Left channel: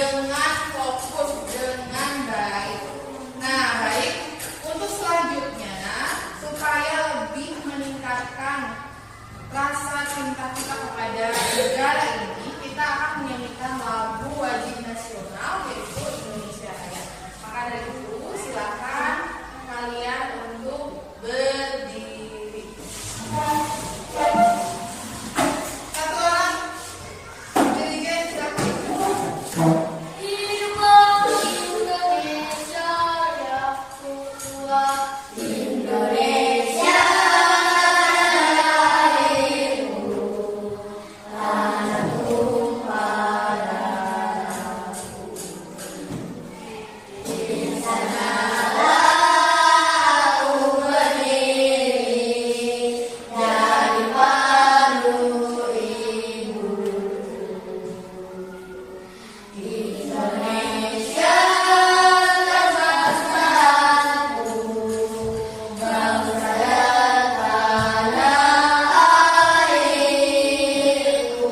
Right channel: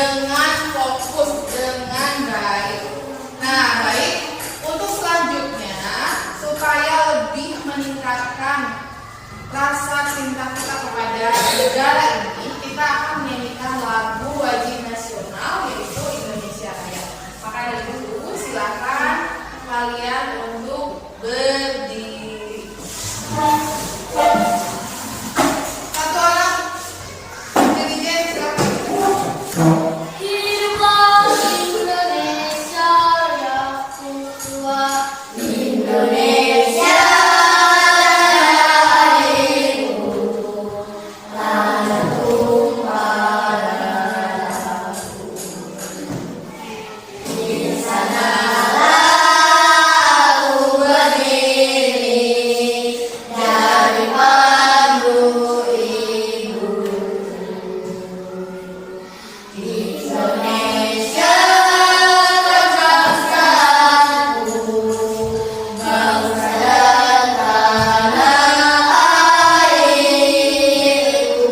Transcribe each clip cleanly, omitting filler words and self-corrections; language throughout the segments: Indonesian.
dengan fokus, dengan baik. Nah, baik. Untuk selanjutnya, supaya lebih meningkatkan rasa cinta kita kepada negara ini, kita akan menyanyikan lagu wajib nasional, yaitu Indonesia Raya. Maka dari itu, silakan kalian untuk berdiri. Satu orang dirijen, silakan. Hiduplah Indonesia yang tua, Indonesia adikku, tanah tumpah darahku. Di sanalah aku berdiri, dari pandu ibu. Indonesia tegaskanku, bangsa dan tanah airku.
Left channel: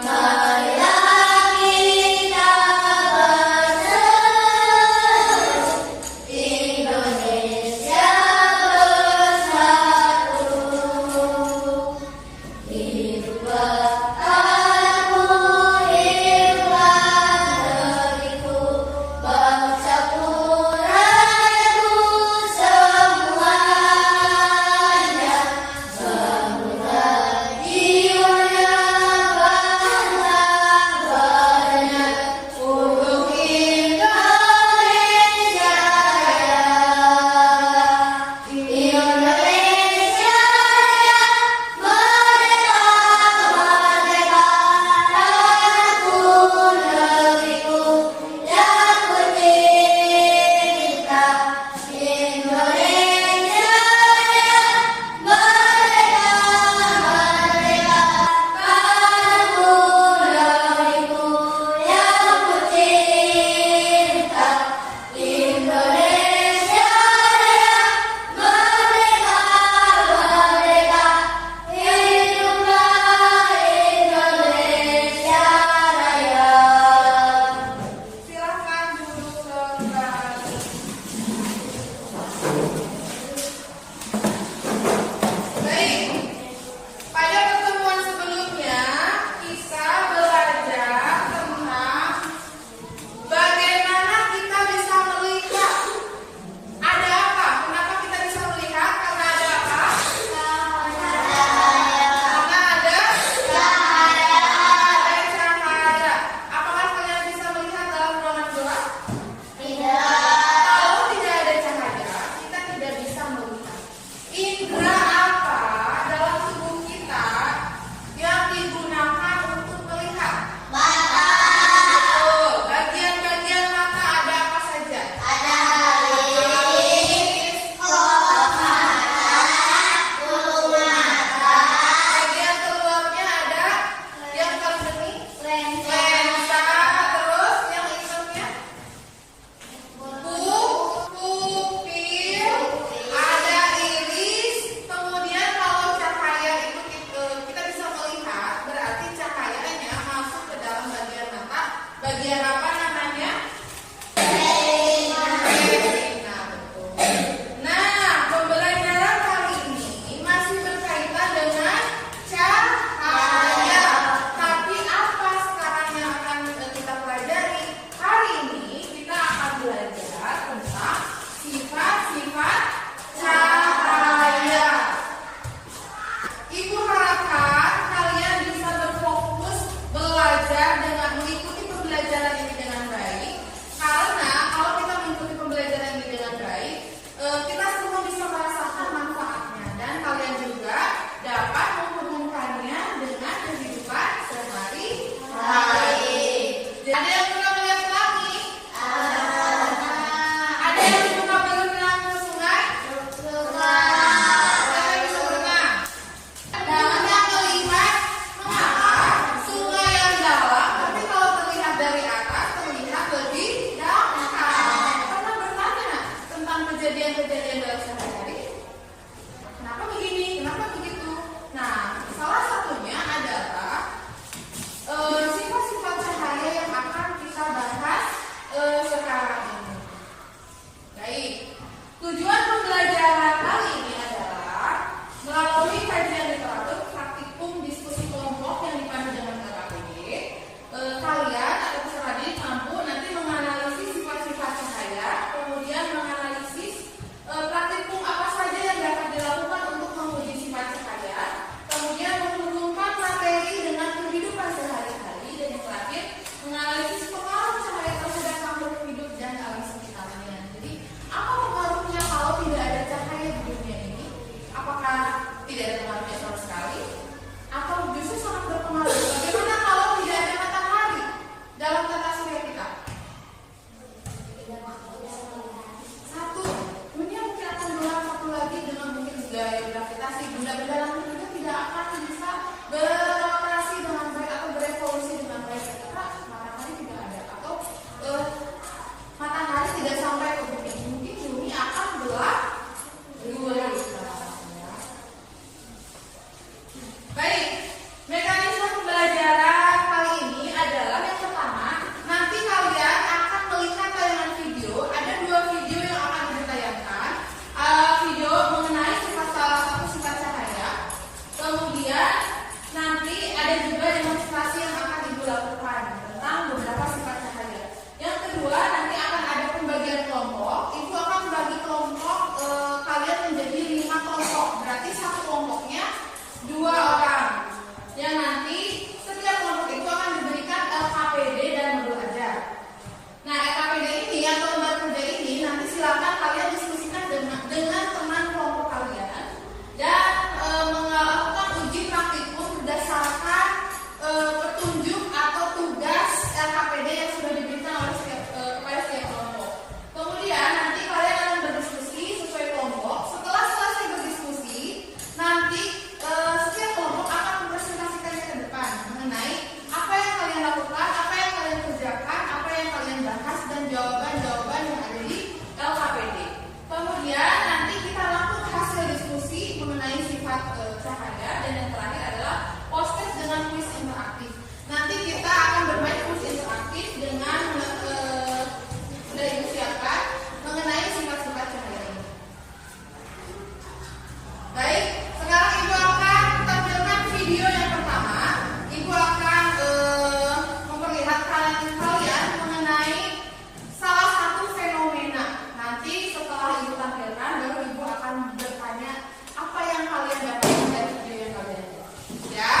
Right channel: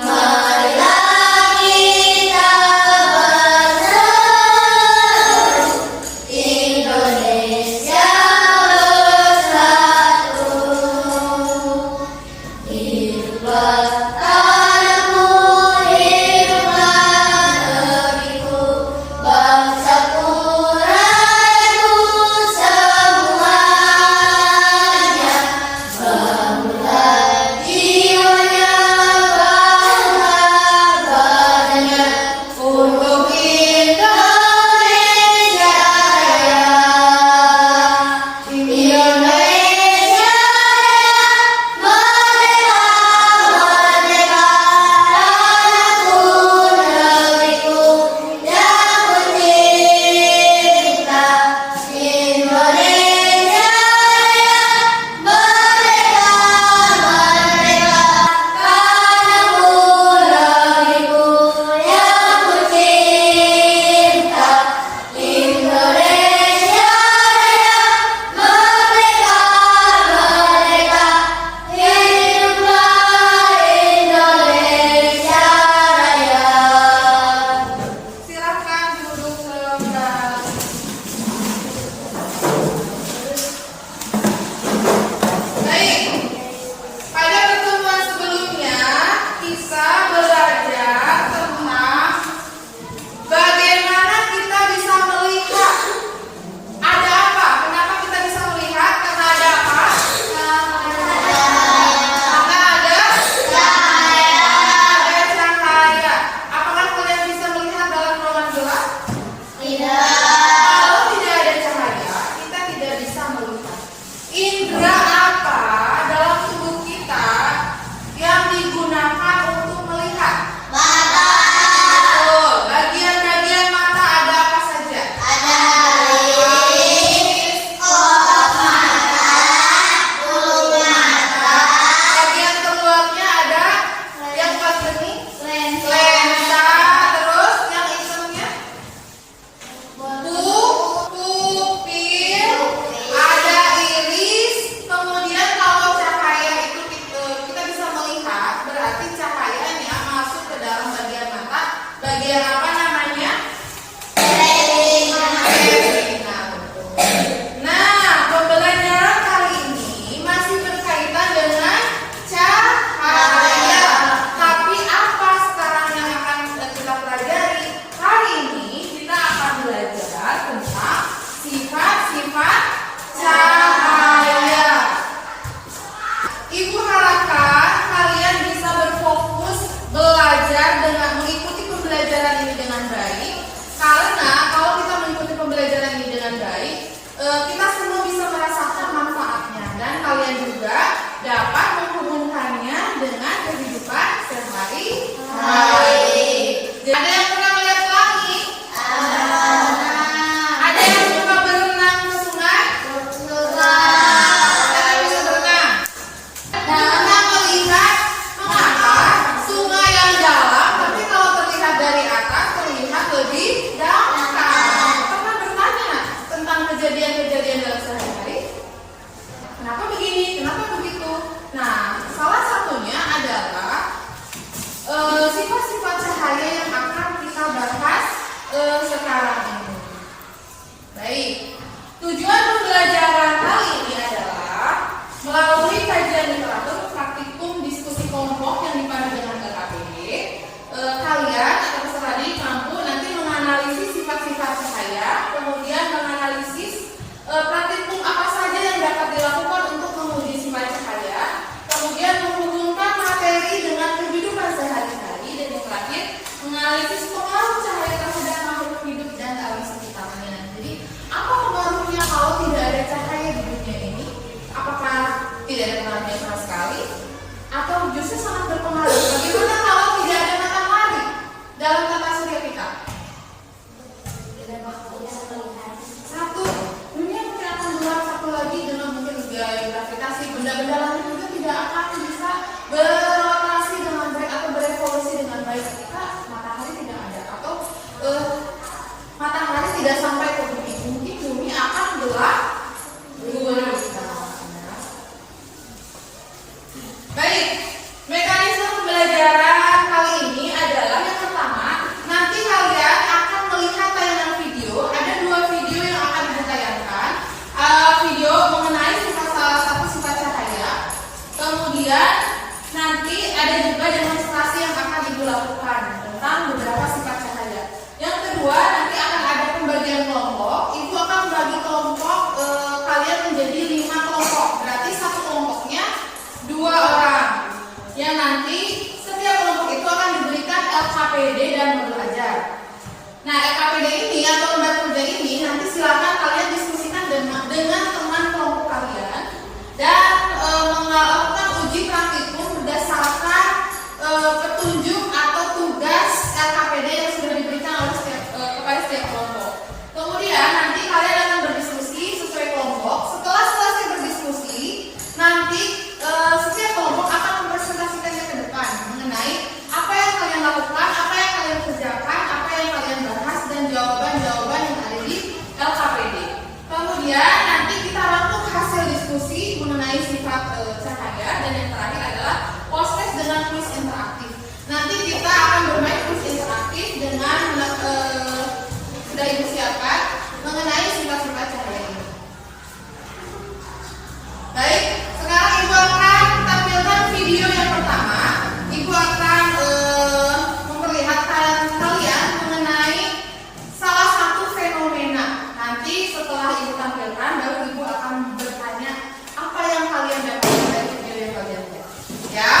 Marilah kita bersatu, Indonesia bersatu. Hiduplah tanahku, hiduplah negeriku, bangsaku, rakyatku semuanya. Bangunlah jiwanya, bangga badannya, untuk Indonesia Raya. Indonesia Raya, merdeka, merdeka, tanahku, negeriku yang tercinta. Indonesia Raya, merdeka, merdeka, tanahku, negeriku yang tercinta. Indonesia Raya, merdeka, merdeka, hiduplah Indonesia Raya. Silakan duduk kembali. Baik, pada pertemuan sebelumnya kita belajar tentang bagaimana kita bisa melihat ada apa. Kenapa kita bisa melihat? Karena ada apa? Karena ada cahaya. Apakah kalian bisa melihat dalam ruangan gelap? Kalau tidak ada cahaya, kita tidak bisa melihat. Indra apa dalam tubuh kita yang digunakan untuk melihat? Betul. Bagian-bagian mata ada apa saja? Bagian keluarnya ada yang pas bening, lensa, terus yang hitamnya pupil, ada iris. Kemudian kalau cahaya itu kita bisa melihat, berarti cahayanya masuk ke dalam bagian mata. Bagian apa namanya? Retina, betul. Nah, pembelajaran kali ini masih berkaitan dengan cahaya. Tapi apa sekarang yang akan kita pelajari? Hari ini kita akan belajar tentang sifat-sifat cahaya. Ibu harapkan kalian bisa berfokus belajar dengan mengikuti pembelajaran ini dengan baik. Karena kalau kita mengikuti pembelajaran ini dengan baik, kita semua bisa merasakan manfaatnya dan kalian juga dapat menghubungkannya dengan kehidupan sehari-hari. Ada yang pernah melihat pelangi? Ada yang suka berenang ke sungai? Ada yang bisa berenang? Kita melihat mengapa sungai yang dalam, tapi kalau terlihat dari atas terlihat lebih dangkal. Pernah bertanya tentang kejadian-kejadian dalam sehari-hari? Kenapa begini? Kenapa begitu? Nah, salah satunya adalah sifat-sifat cahaya yang akan kita bahas tidak sampai ke bumi. Mungkin bumi akan gelap gulita. Baik, mekanisme pembelajaran kali ini adalah yang pertama, nanti kalian akan melihat tayangan video. Ada 2 video yang akan ditayangkan. Video mengenai salah satu sifat cahaya. Kemudian nanti ada juga demonstrasi yang akan Ibu lakukan tentang beberapa sifat cahaya. Yang kedua, nanti akan ada pembagian kelompok. Ibu akan membagi kelompok kalian menjadi 5 kelompok. Berarti satu kelompoknya 2 orang. Yang nanti setiap kelompok itu akan diberikan LKPD dan modul ajar. Nah, LKPD ini atau lembar kerja ini nanti silakan kalian diskusikan dengan teman kelompok kalian dan melakukan uji praktikum berdasarkan petunjuk atau tugas LKPD yang sudah diberikan oleh kepada setiap kelompok. Kemudian nanti kalian akan berdiskusi sesuai kelompok. Setelah selesai berdiskusi, nanti setiap kelompok akan mempresentasikannya ke depan mengenai apa yang kalian lakukan, apa yang kalian kerjakan, apa yang kalian bahas, dan jawaban-jawaban yang ada di LKPD. Kemudian nanti kita rangkum hasil diskusi mengenai sifat cahaya, dan yang terakhir adalah post-test dengan kuis interaktif. Nanti kita akan bermain kuis interaktif dengan sudah Ibu siapkan mengenai sifat-sifat cahaya ini. Baik, sekarang Ibu akan tampilkan video yang pertama. Ibu akan memperlihatkan kalian mengenai salah satu fenomena. Nanti setelah Ibu tampilkan, baru Ibu akan bertanya apa yang kalian dapat dari video yang kalian lihat. Ya?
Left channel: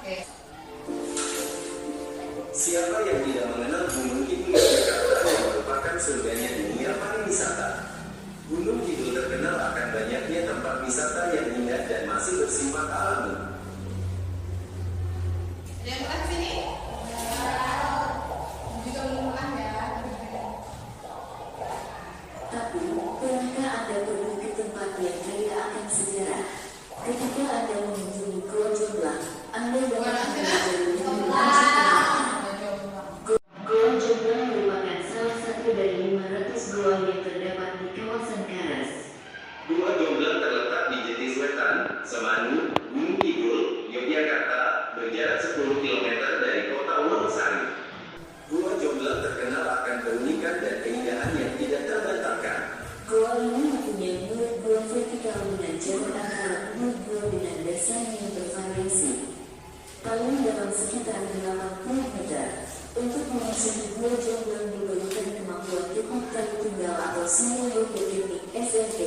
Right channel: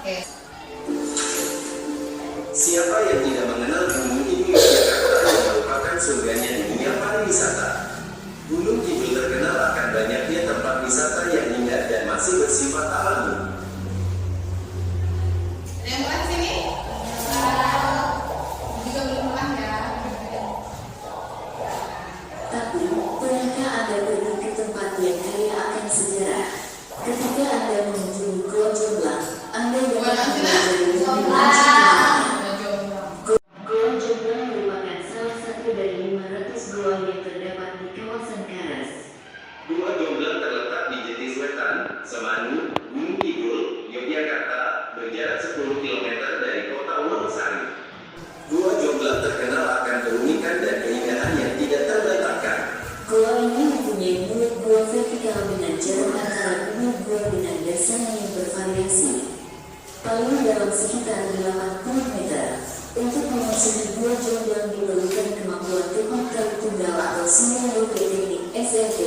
Oke. Siapa yang tidak mengenal Gunung Kidul Yogyakarta yang merupakan surganya dunia pariwisata? Gunung Kidul terkenal akan banyaknya tempat wisata yang indah dan masih bersifat alami. Ada yang mulai sini? Juga belum mulai ya. Tapi, pernahkah Anda pergi ke tempat yang kaya akan sejarah? Ketika Anda mengunjungi Gua Jomblang, Anda dapat mempelajari Gua Jomblang merupakan salah satu dari 500 gua yang terdapat di kawasan Karas. Gua Jomblang terletak di Jatiswetan, Semanu, Gunung Kidul, Yogyakarta, berjarak 10 km dari kota Wonosari. Gua Jomblang terkenal akan keunikan dan keindahan yang tidak terdaftarkan. Gua ini mempunyai mulut gua vertikal dengan jarak antara mulut gua dengan dasarnya yang bervariasi. Paling dalam sekitar 80 meter. Untuk memasuki Gua Jomblang diperlukan kemampuan teknik kayu tunggal atau sinyal teknik SMT.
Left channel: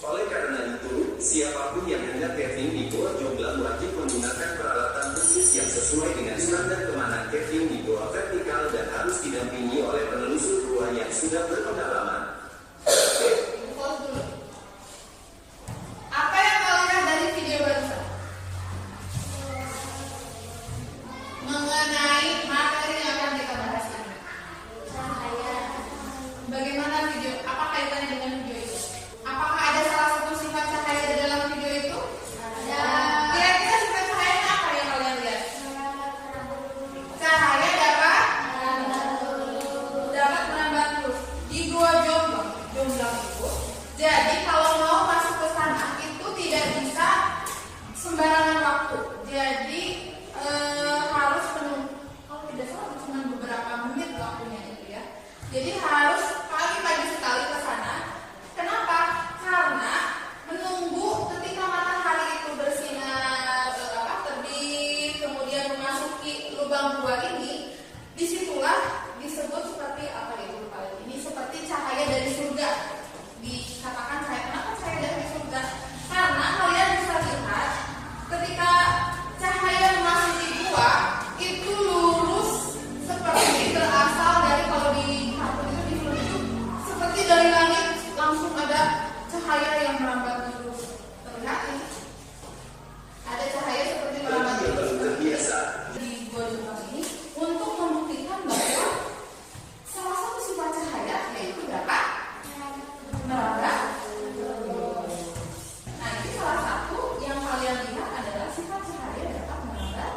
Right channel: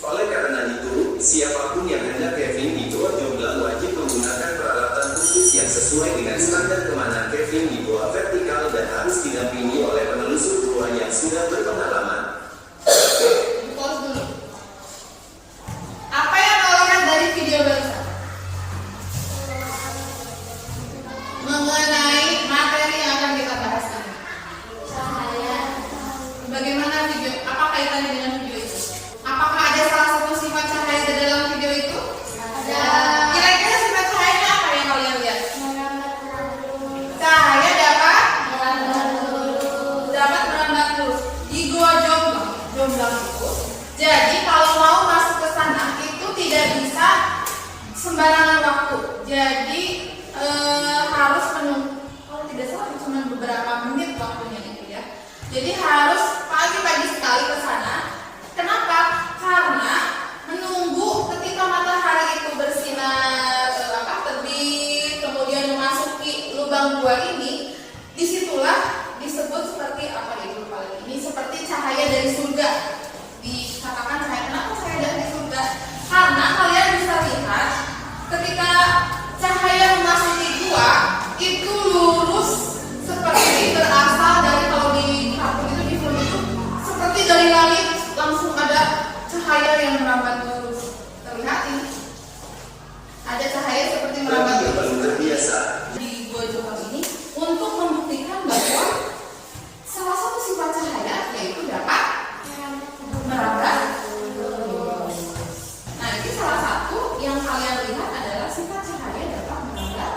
Oleh karena itu, siapapun yang hendak caving di Gua Jomblang wajib menggunakan peralatan khusus yang sesuai dengan standar kemanan caving di gua vertikal dan harus didampingi oleh penelusur gua yang sudah berpengalaman. Ibu pause dulu. Apa yang kau lihat dari video barusan? Mengenai materi yang akan kita bahas ini. Bagaimana video? Apa kaitannya dengan video itu? Apakah ada salah satu sifat cahaya di dalam video itu? Ada. Kira-kira sifat cahayanya apa yang kalian lihat? Cahaya dapat merambat lurus. Di Gua Jomblang itu. Jadi kalau mau masuk ke sana itu tidak bisa sembarangan waktu. Jadi harus menunggu. Kalau tidak salah cuma beberapa menit waktunya itu ya. Jadi harus pagi-pagi sekali ke sana. Kenapa? Karena menunggu ketika matahari itu bersinar terbit, kemudian memasuki lubang gua ini, disitulah disebut seperti apa itu paling ini seperti cahaya dari surga. Dikatakan cahaya. Kenapa cahaya dari surga? Karena kalian bisa lihat ketika cahaya memasuki gua itu lurus seperti berasal dari, kalau di kartun itu di film itu seperti dari langit langsung ada cahaya yang merambat lurus. Terlihat ini ada cahaya seperti merambat Bagi yang lurus belum terbiasa, di Gua Jomblang ini untuk membuktikan bahwa salah satu sifat cahaya yaitu dapat merambat lurus. Nah, ini salah satu yang kalian lihat adalah sifat cahaya dapat merambat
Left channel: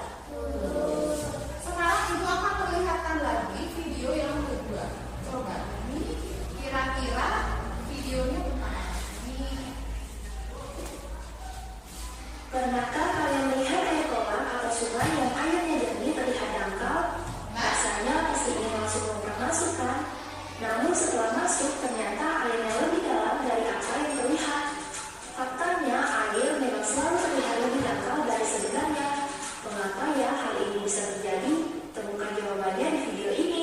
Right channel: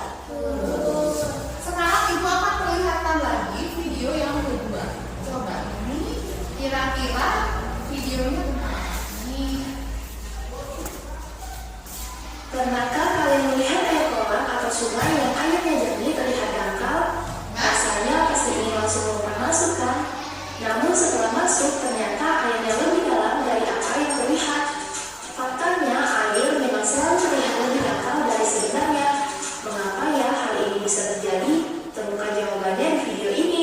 lurus. Sekarang Ibu akan perlihatkan lagi video yang kedua. Coba. masuk, ternyata airnya lebih dalam dari apa yang terlihat. Faktanya, air memang selalu terlihat lebih dangkal dari sebenarnya. Mengapa ya hal ini bisa terjadi? Temukan jawabannya di video ini.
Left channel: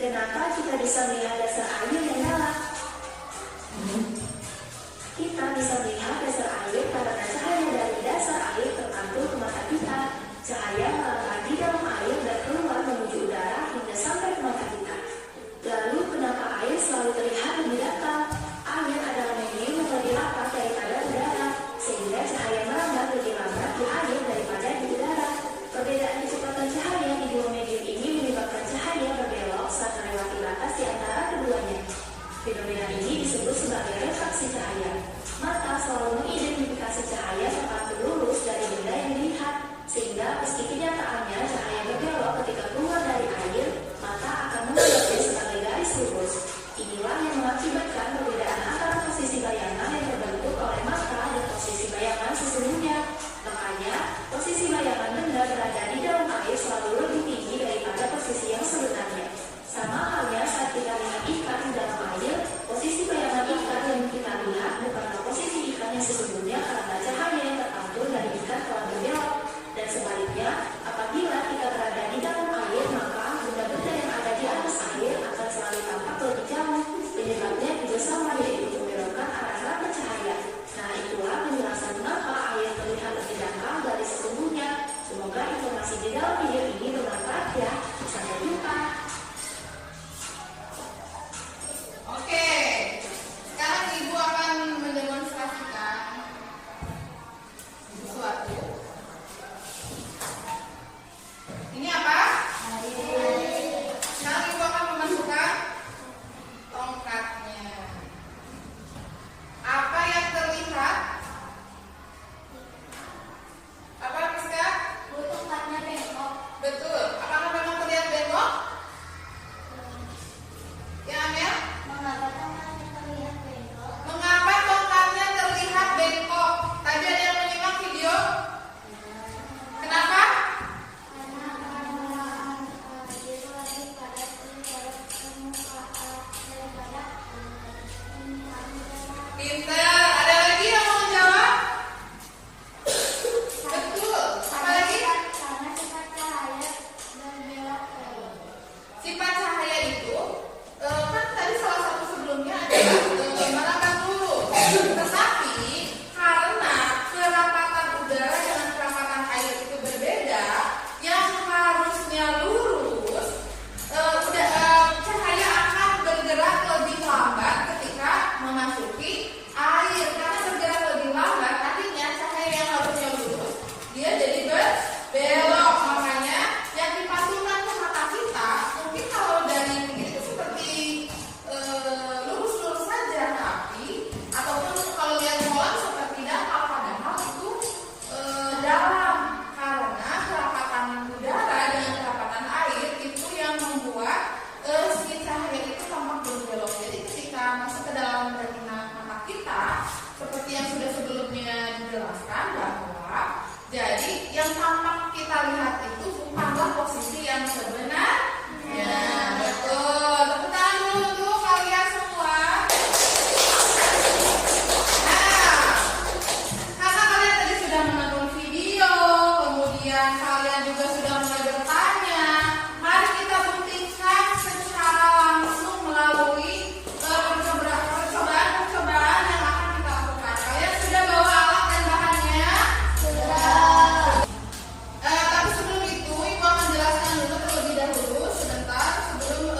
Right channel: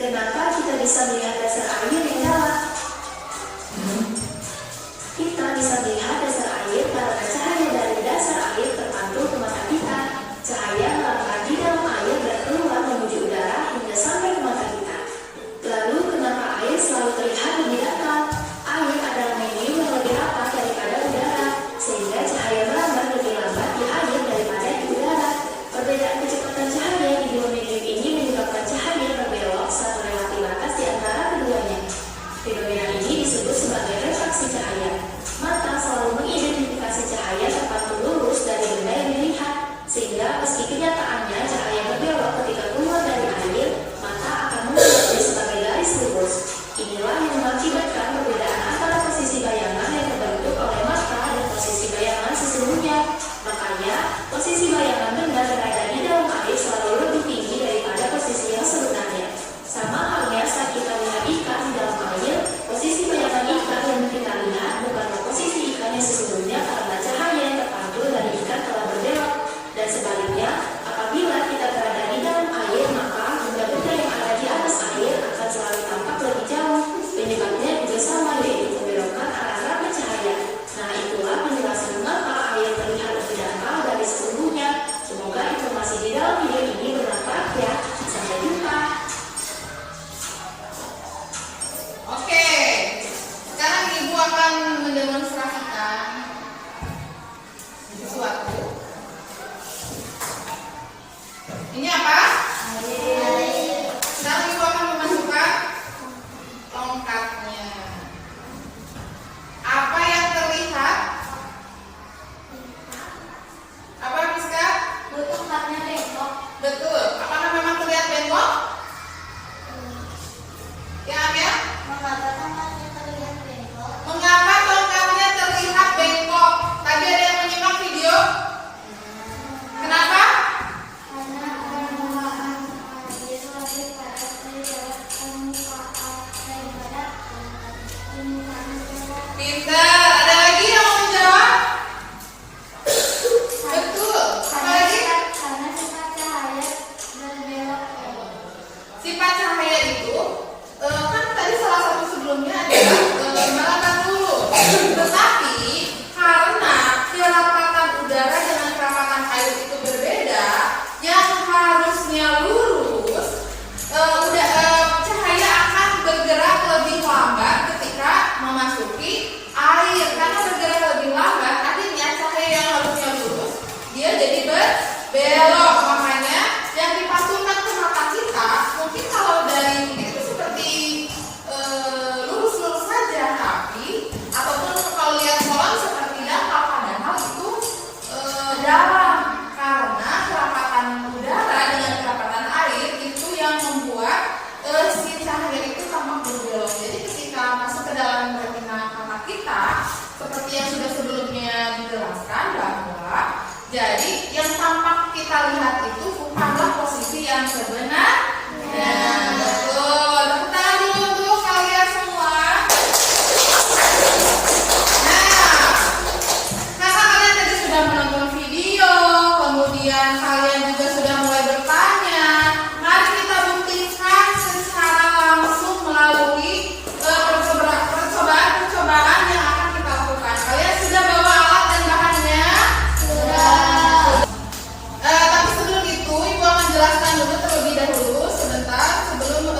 Kenapa kita bisa melihat dasar air yang dalam? Kita bisa melihat dasar air karena cahaya dari dasar air terpantul ke mata kita. Cahaya melangkah di dalam air dan keluar menuju udara hingga sampai ke mata kita. Lalu kenapa air selalu terlihat lebih dangkal? Air adalah medium yang lebih rapat daripada udara, sehingga cahaya melambat lebih lambat di air daripada di udara. Perbedaan kecepatan cahaya di dua medium ini menyebabkan cahaya berbelok saat melewati batas di antara keduanya. Fenomena ini disebut sebagai refraksi cahaya. Mata selalu mengidentifikasi cahaya terpantul lurus dari benda yang dilihat, sehingga meski kenyataannya cahaya berbelok ketika keluar dari air, mata akan menganggapnya sebagai garis lurus. Inilah yang mengakibatkan perbedaan antara posisi bayangan yang terbentuk oleh mata dan posisi bayangan sesungguhnya. Makanya, posisi bayangan benda berada di dalam air selalu lebih tinggi daripada posisi yang sebenarnya. Sama halnya saat kita melihat ikan di dalam air, posisi bayangan ikan yang kita lihat bukanlah posisi ikan yang sesungguhnya karena cahaya yang terpantul dari ikan telah berbelok. Dan sebaliknya, apabila kita berada di dalam air, maka benda-benda yang ada di atas air akan selalu tampak lebih jauh. Penyebabnya juga sama, yaitu pembelokan arah cahaya. Nah, itulah penjelasan mengapa air terlihat lebih dangkal dari sesungguhnya. Semoga informasi di dalam video ini bermanfaat ya. Sampai jumpa. Oke, sekarang Ibu akan mendemonstrasikan sesuatu. Ini apa? Sekarang Ibu akan memasukkan tongkatnya. Apa yang terlihat? Apa, Rizka? Tongkatnya bengkok. Betul. Apakah memang terlihat bengkok? Ya, Amel? Mengapa tongkatnya terlihat bengkok? Mengapa tongkatnya terlihat bengkok? Tadi ada yang menyimak video? Kenapa? Karena permukaan air lebih padat daripada permukaan udara. Pintar. Ada lagi yang mau menjawab? Betul. Apa lagi? Karena sifat cahaya berbelok. Sifat cahaya itu kan tadi salah satu sebelumnya adalah melambat dulu. Tetapi karena kerapatan udara dengan kerapatan air itu berbeda, yang harusnya lurus, cahaya akan bergerak lebih lambat ketika memasuki air. Karena bergerak lebih lambat, artinya cahaya yang harusnya lurus, dia jadi berbelok. Makanya yang dipantulkan ke mata kita, mungkin kalau dari mungkin itu seperti lurus-lurus saja, tapi ataupun kalau lihat kolam seperti dangkal, padahal itu dalam, karena kerapatan udara dengan kerapatan air itu yang membuat si cahaya itu tampak berbelok. Jadi ketika masuk ke dalam retina mata kita, seperti yang sudah sebelumnya dijelaskan bahwa jadi yang tampak kita lihat itu bukanlah posisi yang sebenarnya. Betul. Tepuk tangan dulu untuk kalian semua. Nah, karena kalian tadi sudah menonton video, kemudian kalian juga sudah mulai bertanya, mari kita buktikan secara langsung melalui percobaan yang akan kita lakukan. Kalian sudah bawa alat dan bahannya? Tapi sebelum itu, Ibu akan jelaskan dulu terlebih dahulu sebentar sebelum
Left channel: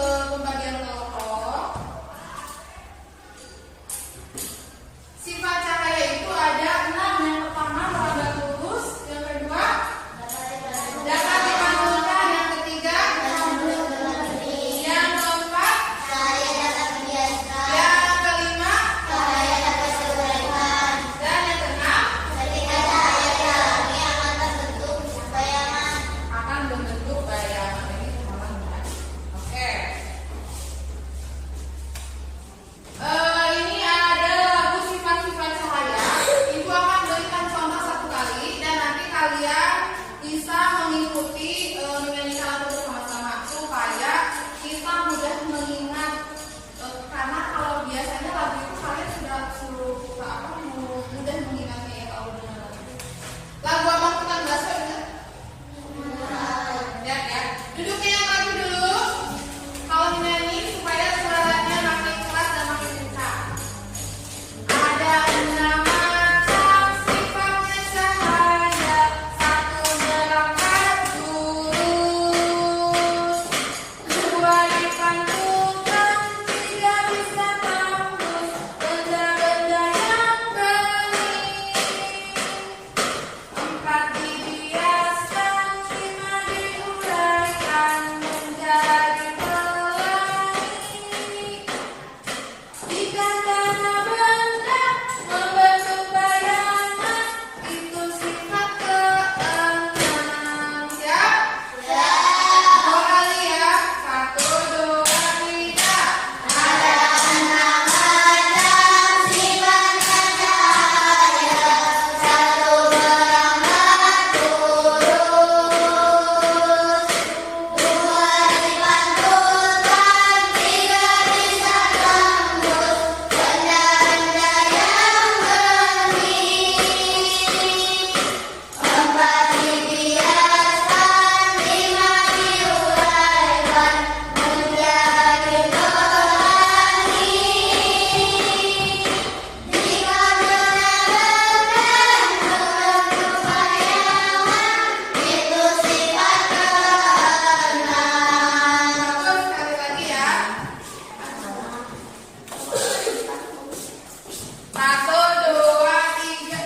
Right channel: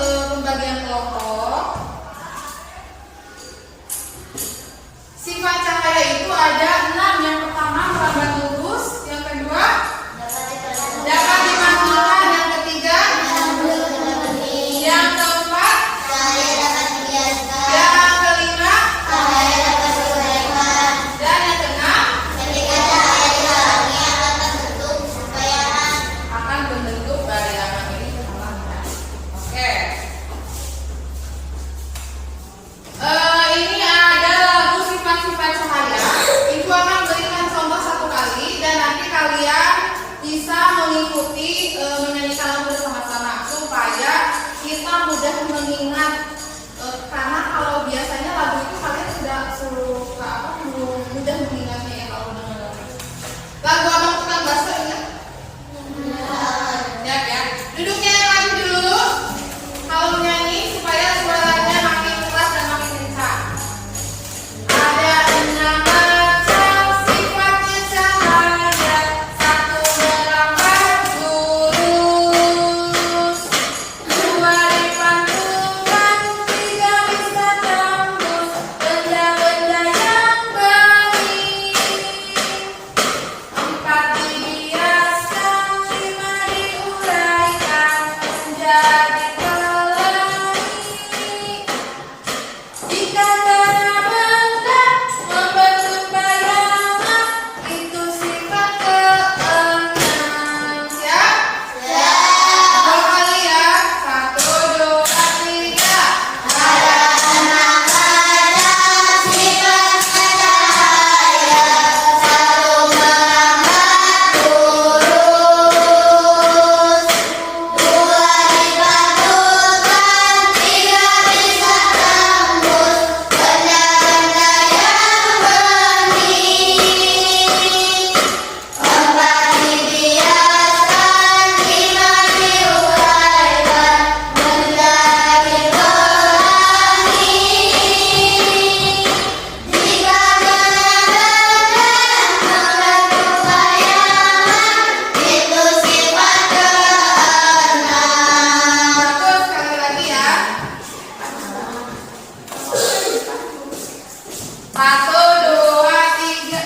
Satu, dua, tiga.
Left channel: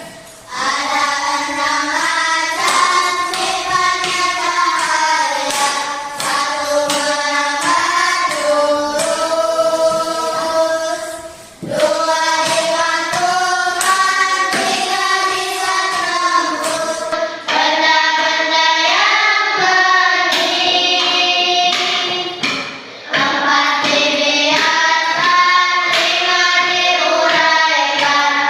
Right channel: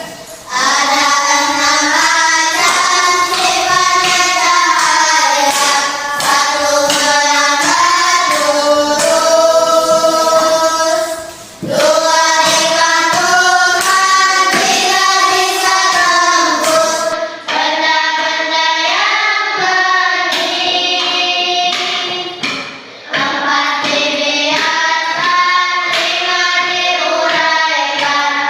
Ada 6 macam sifatnya cahaya, satu melambat lurus, dua dibantu Tuhan, tiga bisa tembus benda-benda yang bening, empat dibiarkan, lima diuraikan.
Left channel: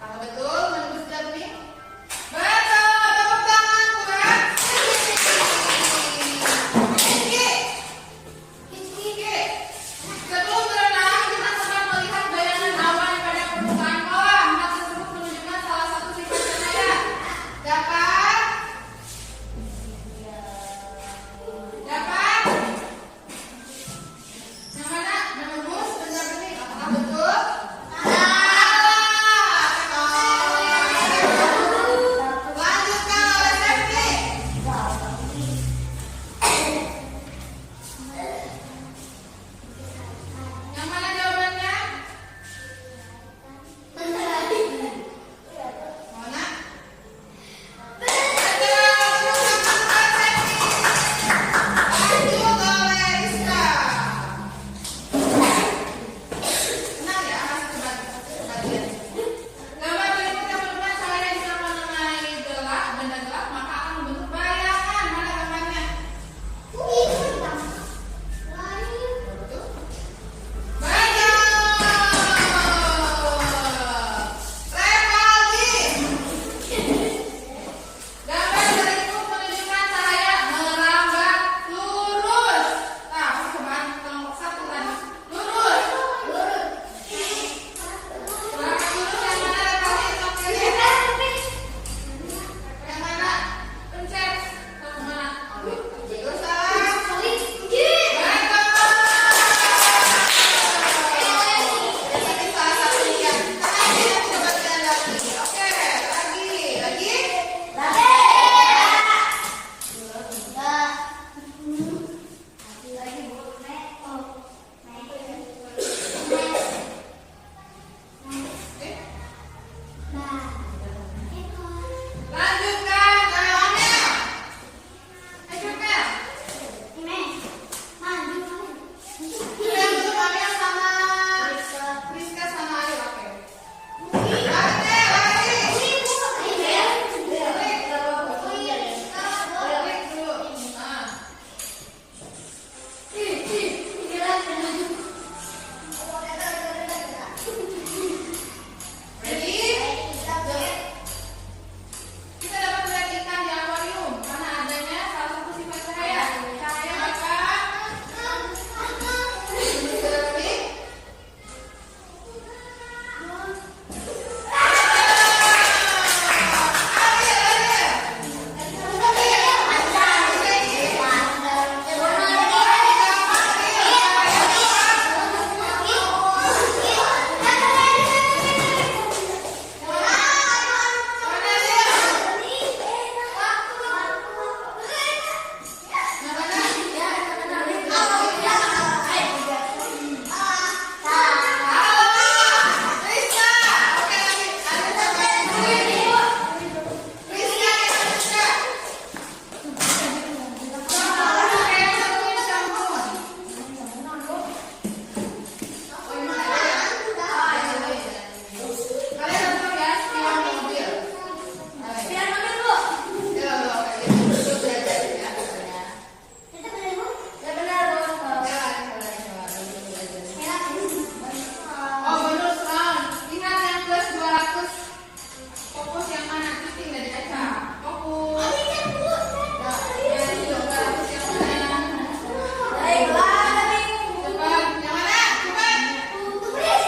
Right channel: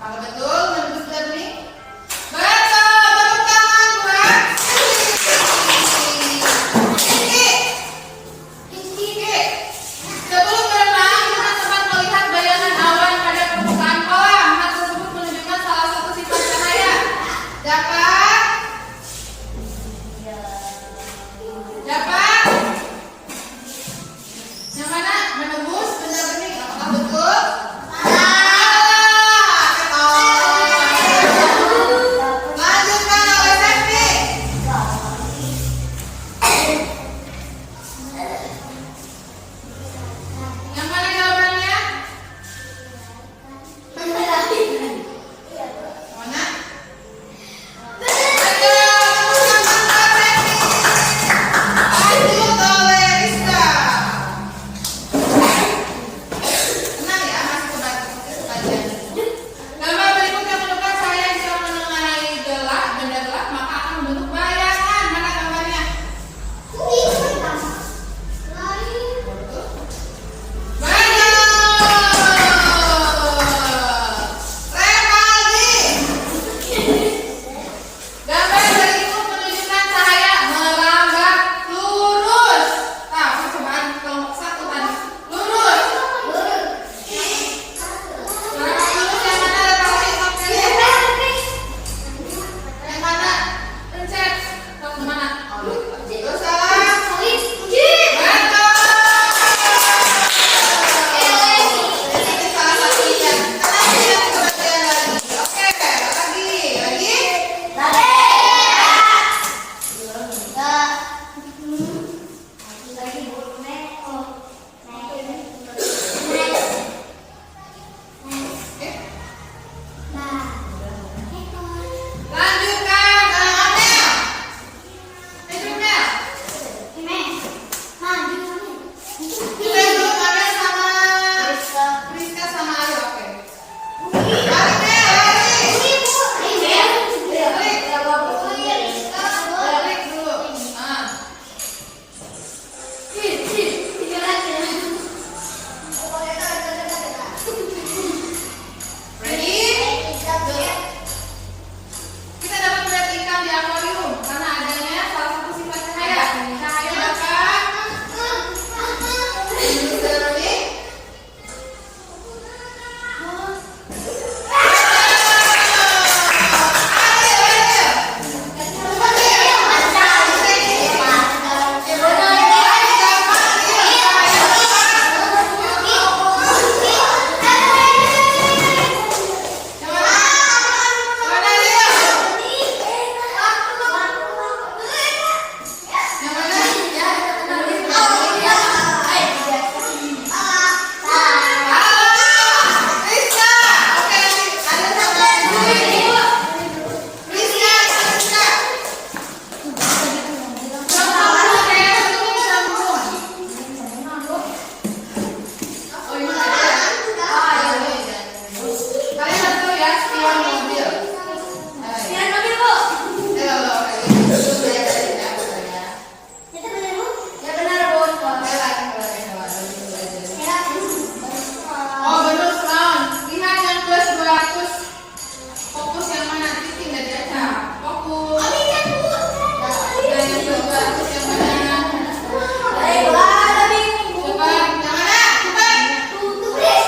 Apakah betul menurut Darni? Betul, tepuk tangan buat Rizky. Sebelum berenang, kita sempat melihat bayangan awan pada permukaan kolam. Hal tersebut menunjukkan salah satu sifat cahaya. Dapat? Dapat? Yang mana? Menembus benda bening. Apakah betul? Lanjutkan oleh Septi. Yang mana jawabannya? Mana? Lanjut oleh Rizka. Tenang ya, masih kebagian. Gambar berikutnya menunjukkan cahaya jika mengenai gelap, benda gelap, maka akan membentuk bayangan. Mana gambarnya? Gambar berikut menunjukkan cahaya melambat lurus. Nah, percobaan kelompok 1 tadi. Lurus. Melambat lurus yang mana letaknya konkretnya? Yang mana? Pencet. Tahu kemana? Betul salah. Betul. Ini salah satunya. Karena kita kebagian lagi. Oke, lagi. Lanjutkan Amel. Mel. Kita dulu Amel sama Rizka sama Ayu. Oke. Lari Mel, lari. Balik dulu. Ah. Ready? Kita dapat melihat ikan di akuarium karena adanya salah satu sifat cahaya. Cahaya dapat menurut Darni. Oh benar Sound. Lihat yang plus 200. Fokus yang mana? Titik nggak dibaca. Fokus. Nah, yang 200 yang mana? Cepat. Yang mana? Cepat. Tulis.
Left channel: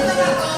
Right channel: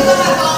kita nggak